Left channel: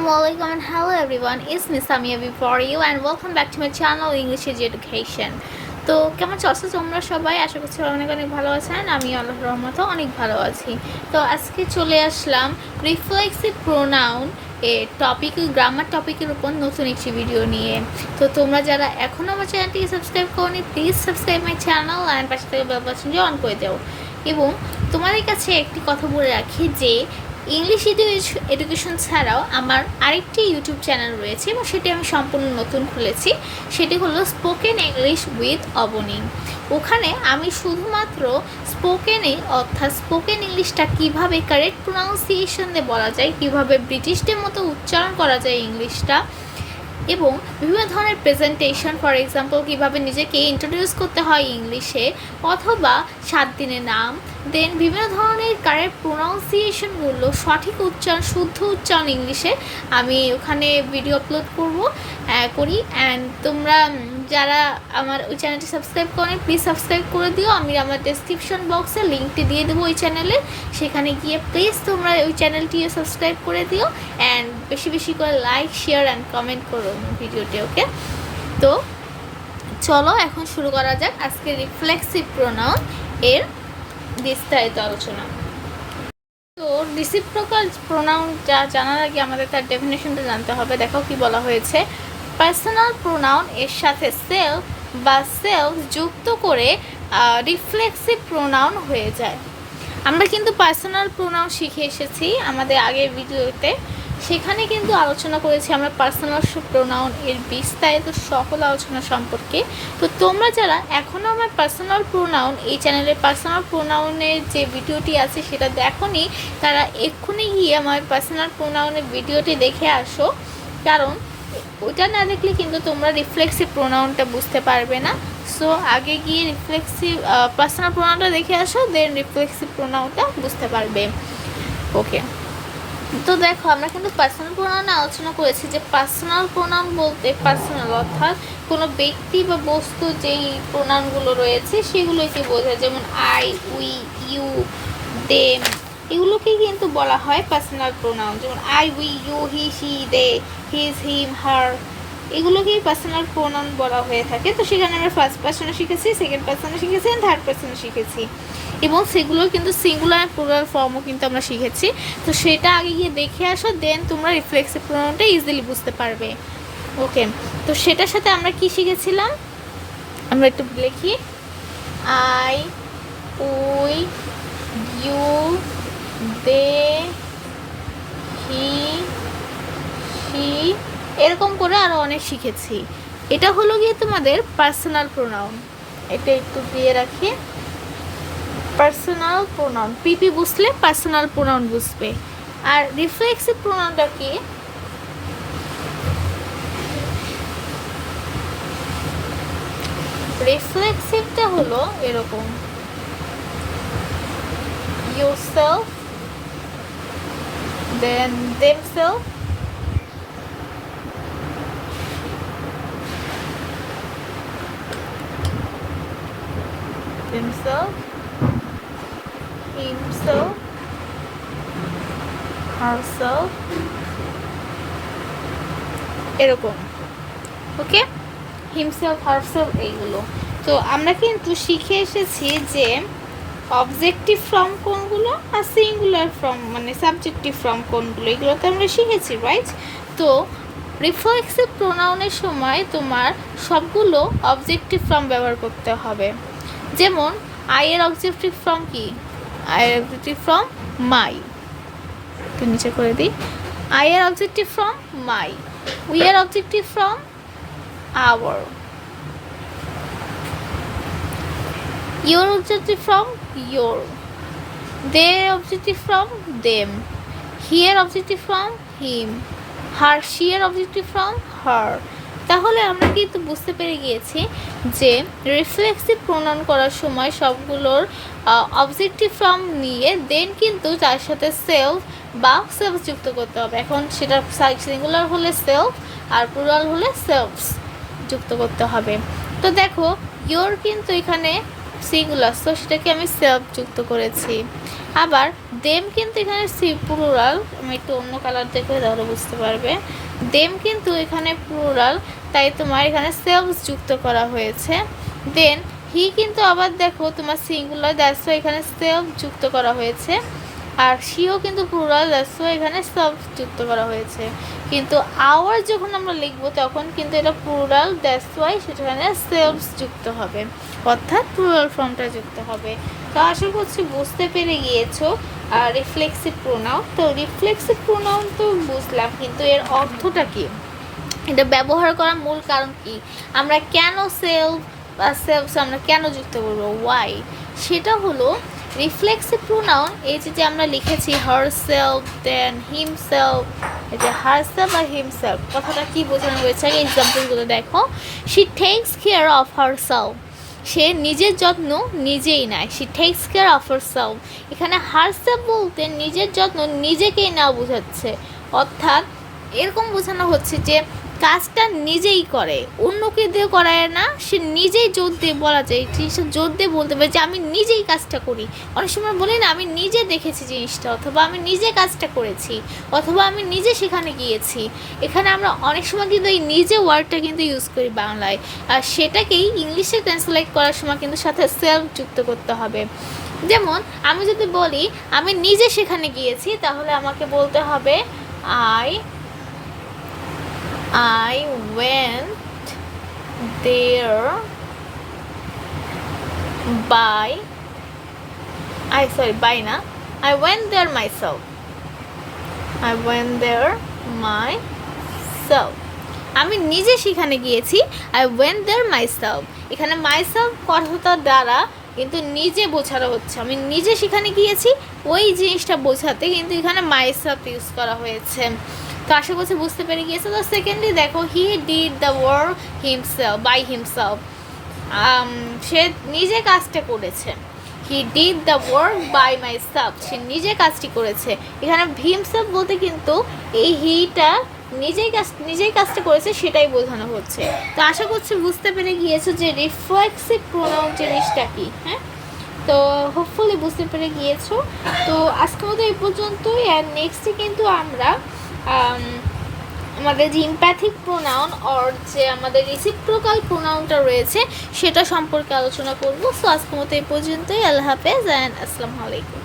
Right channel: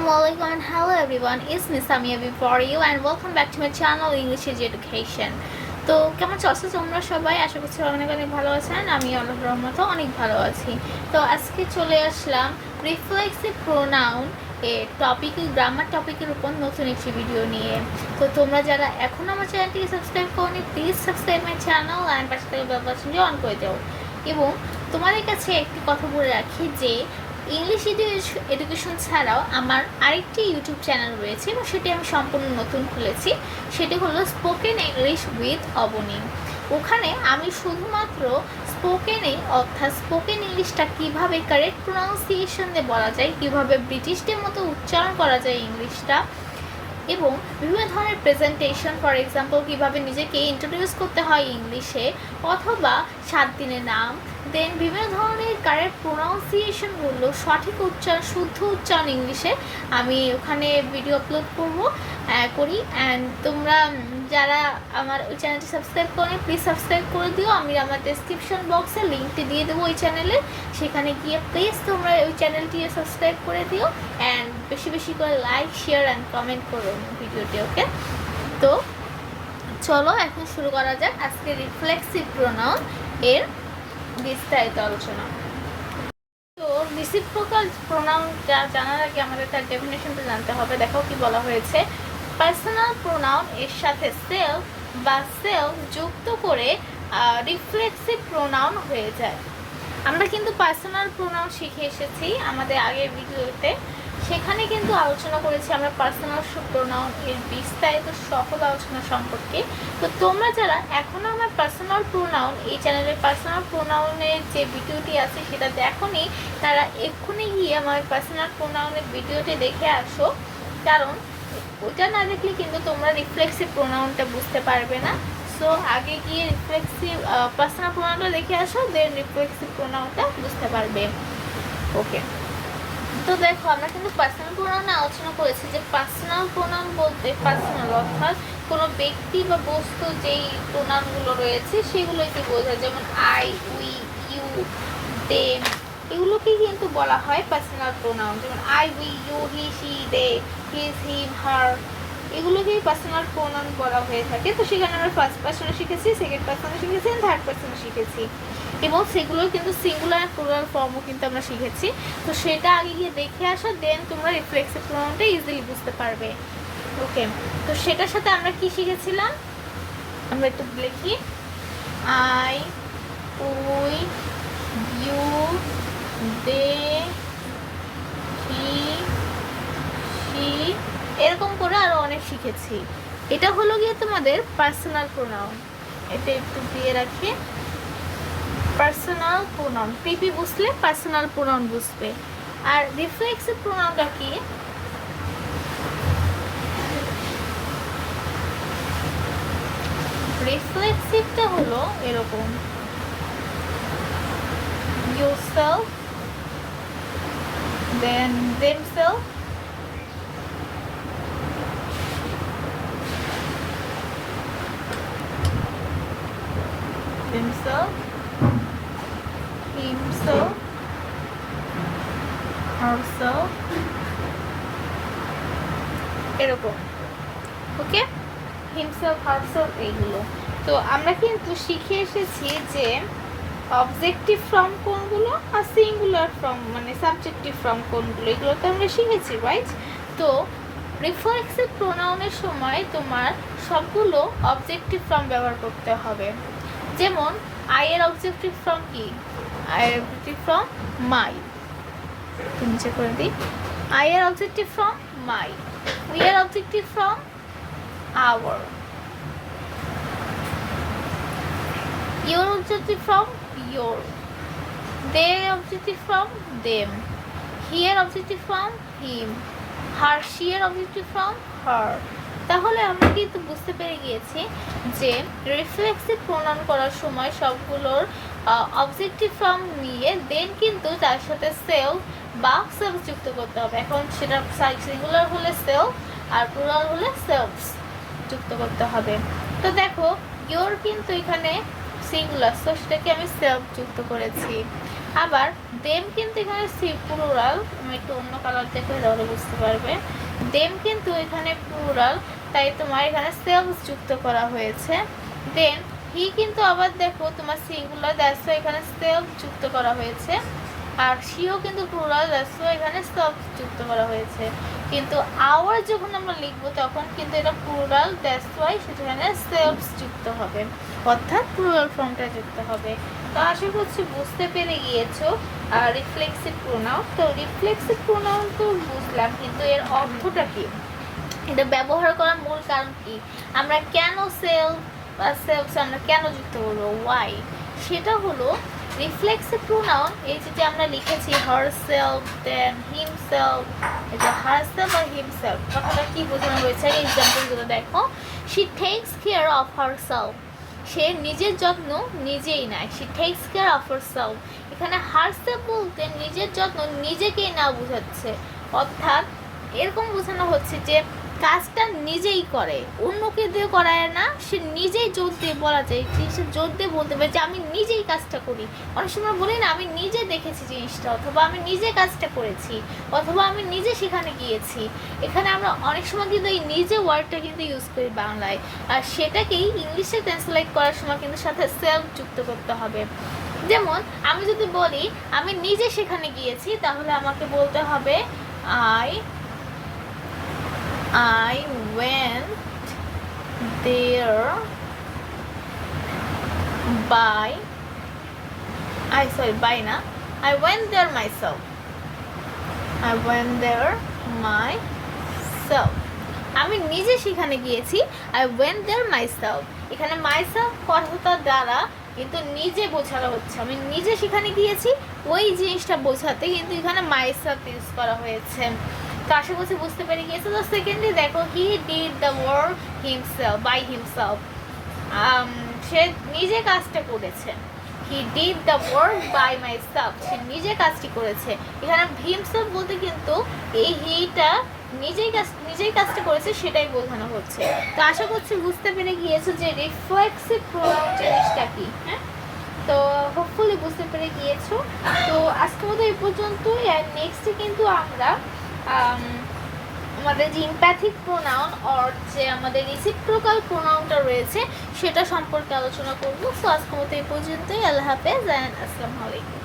Assalamualaikum and hello everyone, it's Miss Samia before you and welcome back to my channel English Education. তো কেমন আছো তোমরা সবাই? আশা করছি অনেক অনেক ভালো আছেন। আমি আল্লাহর রহমতে অনেক ভালো আছি। তো আজকে চলে আসলাম রিফ্লেক্সিভ প্রোনাউন এর টপিক, গ্রামার টপিকের উপর নতুন একটি ভিডিও নিয়ে। তো তোমরা যারা এখনও আমার চ্যানেলটিকে সাবস্ক্রাইব করোনি, please subscribe my channel and পাশে থেকে বেল বাটনটি অন করে দাও। এবং তোমাদের কাছে একটি কথা বলে রাখি যে ইংলিশ এডুকেশন ছাড়াও আমার আরেকটি ইউটিউব চ্যানেল রয়েছে এবং সেটি আমি সম্পূর্ণ নতুন খুলেছি। সেটি হলো স্পোকেন ইংলিশ উইথ অবনী। ওখানে আমি শুধুমাত্র অর্থাৎ স্পোকেন ইংলিশটা কীভাবে কারেক্ট প্রোনাউন্সিয়েশন দিয়ে বলা যায়, কীভাবে ব্রিটিশদের মতো উচ্চারণ করা যায় ইংলিশটা, এবং বিভিন্ন ধরনের প্রেজেন্টেশন, ফর এক্সাম্পল কীভাবে নিজেকে ইন্ট্রোডিউস করতে হয় ইংলিশে, অথবা 7 দিনের নাম, দেন বিভিন্ন ধরনের কারেক্ট প্রোনাউন্সিয়েশনগুলো, সঠিক উচ্চারণ, শুদ্ধ উচ্চারণ ইংলিশে আমি ওখানে ভিডিও আপলোড করি। অ্যান্ড তোমরা যারা আমার ওই চ্যানেলটি সাবস্ক্রাইব করেন, প্লিজ সাবস্ক্রাইব করে দিও। আমি আমার ডেসক্রিপশন বক্সে লিঙ্কটি দিয়ে দেবো ওই চ্যানেলের, সেখানে গিয়ে প্লিজ তোমরা ওই চ্যানেলটিও সাবস্ক্রাইব করে দিও অ্যান্ড বেশি বেশি করে লাইক, শেয়ার অ্যান্ড কমেন্ট করো ভিডিওটি। ওকে, তো চলো এখন শুরু করা যাক আজকে রিফ্লেক্সিভ প্রোনাউন এর বিস্তারিত আলোচনা। তো রিসিপ্রোকাল প্রোনাউন জানার আগে আমাদের তার ডেফিনেশনটা জানতে হবে। দেখো কি বলা হয়েছে, পার্সোনাল প্রোনাউন এর সাথে সেলফ বা সেলফ যুক্ত করে রিফ্লেক্সিভ প্রোনাউন হয়ে যায়। আমরা কিন্তু পার্সোনাল প্রোনাউন শিখে এসেছি আমাদের আগের ভিডিওতে, সেখানে কিন্তু আলোচনা করেছি আমরা পার্সোনাল প্রোনাউন এর বিস্তারিত সকল আলোচনা সম্পর্কে। তো তোমরা যারা এখনও আমার পার্সোনাল প্রোনাউন এই চ্যানেলের পার্সোনাল প্রোনাউনের যে ভিডিওটি আছে সেটা দেখোনি, তারা এক্ষুনি গিয়ে আমার পার্সোনাল প্রোনাউনের ভিডিওটি দেখে আসো, কারণ ওটা না দেখলে কিন্তু তোমরা রিফ্লেক্সিভ প্রোনাউনটা বুঝতে পারবে না। সো আগে গিয়ে রিফ্লেক্সিভ পার্সোনাল প্রোনাউনটা দেখে আসো, দেন রিফ্লেক্সিভ প্রোনাউনটা বুঝতে পারবে। ওকে, তো দেখো আমরা কিন্তু পার্সোনাল প্রোনাউনে আলোচনা করেছি যে পার্সোনাল প্রোনাউন বলতে পার্সোনাল অর্থাৎ কোনো ব্যক্তি বা বস্তু যেই প্রোনাউনগুলো রয়েছে সেগুলোকে বোঝায়, যেমন আই, উই, ইউ, দেম, এগুলোকেই কিন্তু বলা হয় পার্সোনাল প্রোনাউন। যেমন I, we, you, he, she, they, his, him, her, এগুলোকেই পার্সোনাল প্রোনাউন বলা হয়ে থাকে। তো সেখানে আমরা ফার্স্ট পার্সনে শিখেছি, সেকেন্ড পার্সনে শিখেছি, থার্ড পার্সনে শিখেছি, এবং সেগুলো কিন্তু সিঙ্গুলার প্লুরাল ফর্মও কিন্তু আমরা শিখেছি। তো সেটা আগে গিয়ে দেখে আসো, দেন তোমরা রিফ্লেক্সিভ প্রোনাউনটা ইজিলি বুঝতে পারবে। ওকে, তো সেটার সাথে আমরা কি শিখেছিলাম আমরা একটু লিখি, I, we, you, they, he, she, এরকম করে আরও অনেক শিখেছি। এটা হলো গিয়ে তোমাদের পার্সোনাল প্রোনাউন। এটা একটু দিয়ে রাখি, পার্সোনাল প্রোনাউন, পিপি বুঝলে পার্সোনাল প্রোনাউন বুঝবে। আর রিফ্লেক্সিভ প্রোনাউনটা কি? রিফ্লেক্সিভটা হলো এরকম, yourself, then themselves, himself, herself, এরকম। ওকে, হিমসেলফ, হারসেলফ, এইগুলো। তো আমরা কিন্তু শিখে এসেছি যে অবজেক্টিভ ফর্ম কোনগুলো আর সিঙ্গুলার ফর্ম মানে সাবজেক্টিভ ফর্ম কোনগুলো, এগুলো তো আমরা শিখেছি, রাইট? তো রিফ্লেক্সিভ প্রোনাউনের সময় তোমার সবগুলো অবজেক্টিভ ফর্ম ব্যবহার করতে হবে। যেমন আই এর অবজেক্টিভ ফর্ম কি? আই এর অবজেক্টিভ ফর্ম মাই, নিচে করে দিই। আই এর অবজেক্টিভ ফর্ম মাই, উই এর objective form our, your objective from your, their objective from them, here objective from him, her, she objective from her। তাহলে আমরা কিন্তু বুঝতে পেরে গিয়েছি যে রিফ্লেক্সিভ প্রোনাউন করার সময় সবগুলোর অবজেক্টিভ ফর্ম নিয়ে দেন কিন্তু তার সাথে সেলফ বা সেলফ যুক্ত করতে হবে। এখন সেটা সিঙ্গুলার হলে সেলফ আর প্লুরাল হলে সেলফস যুক্ত করতে হবে। তো দেখো ইয়োর কিন্তু এখানে সিঙ্গুলার, সো সেটাকে আমি সেলফ যুক্ত করেছি। আবার দেম কিন্তু এখানে প্লুরাল, আমি একটু অন্য কালার দেখে তাহলে বুঝতে পারবে। দেম কিন্তু এখানে প্লুরাল, তাই তোমার এখানে সেলফ যুক্ত করা হয়েছে। দেন হি কিন্তু আবার দেখো তোমার সিঙ্গুলার, দ্যাটস এখানে সেলফ যুক্ত করা হয়েছে। আর সিও কিন্তু প্লুরাল, দ্যাটস এখানে সেলফ যুক্ত করা হয়েছে। কিন্তু আওয়ার যখন আমরা লিখবো তখন কিন্তু এটা প্লুরাল, দ্যাটস ওয়াই সেখানে সেলফ যুক্ত হবে, অর্থাৎ প্লুরাল ফর্মটা যুক্ত হবে। তো আশা করছি বুঝতে পেরে গিয়েছো রিফ্লেক্সিভ প্রোনাউন। তো রিফ্লেক্সিভ প্রোনাউন তো বুঝলাম, কিন্তু এর অর্থটা কি, এটা ব্যবহার করার মূল কারণ কি, আমরা কেন সেলফ বা সেলফস আমরা কেন যুক্ত করবো, ওয়াই, সেটা হলো রিফ্লেক্সিভ প্রোনাউন। এই যে আমরা লিখেছি হার সেলফ, দেন হিম সেলফ, এটা হার সেলফ আর হিম সেলফ, কথাটা কি বোঝানো হয়েছে আগে এক্সাম্পলগুলো দেখো। She takes care of herself, সে নিজের যত্ন নিজেই নেয়, she takes care of herself. এখানে হার সেলফ বলতে নিজের যত্ন নিজেকেই নেওয়া বোঝাচ্ছে, অর্থাৎ এরকম বোঝানো হচ্ছে যে কাজটা নিজেই করে, অন্যকে দিয়ে করায় না, সে নিজেই জোর দিয়ে বলা যায়, জিনিসটা জোর দিয়ে বলতে পারে যে আমি নিজেই কাজটা করি। অনেক সময় বলি না আমি নিজে দেখেছি জিনিসটা, অথবা আমি নিজে কাজটা করেছি, অথবা আমি নিজে সেখানে গিয়েছি। এখানে আমরা অনেক সময় কিন্তু এই নিজে ওয়ার্ডটা কিন্তু ইউজ করি বাংলায়, আর সেটাকেই ইংলিশে ট্রান্সলেট করার সময় কিন্তু সাথে সেলফ যুক্ত করতে হবে। যেমন আমি যদি বলি আমি নিজে সেখানে গিয়েছি, তাহলে আমাকে বলতে হবে I went there by I went there myself. I went there myself. আমি নিজে সেখানে গিয়েছি, I went there myself. এখানে myself কথাটার দ্বারা কিন্তু নিজে বোঝানো হচ্ছে, আমি নিজে সেখানে গিয়েছি ওই জিনিসটা বোঝাতে কিন্তু এখানে myself ইউজ করা হয়েছে। তো আশা করছি বুঝতে পেরে গিয়েছে। তো সেকেন্ডলি দেখো he did the work himself, by himself, সে নিজে কাজটা করেছে। He did the work by myself, সে নিজে কাজটি করেছে। এখানে হিমসেলফ বলতে কিন্তু এই হিটা নিজেই কাজটা করেছে সেটাই বোঝানো হচ্ছে। তো আশা করছি বুঝতে পেরে গিয়েছো যে রিফ্লেক্সিভ প্রোনাউন জিনিসটা কি। হ্যাঁ, তো হোপফুলি বুঝতে পেরে গিয়েছো। তো আজকে মতো এই পর্যন্তই, আর নেক্সটে কিন্তু আমরা আমাদের যে ইমপ্যাথিক প্রোনাউন আর যে আমাদের রেসিপ্রোকাল প্রোনাউনটা রয়েছে সেটা সম্পর্কে আলোচনা করবো। সো আজকের মতো এই পর্যন্তই। আল্লাহ হাফেজ অ্যান্ড আসসালামু আলাইকুম।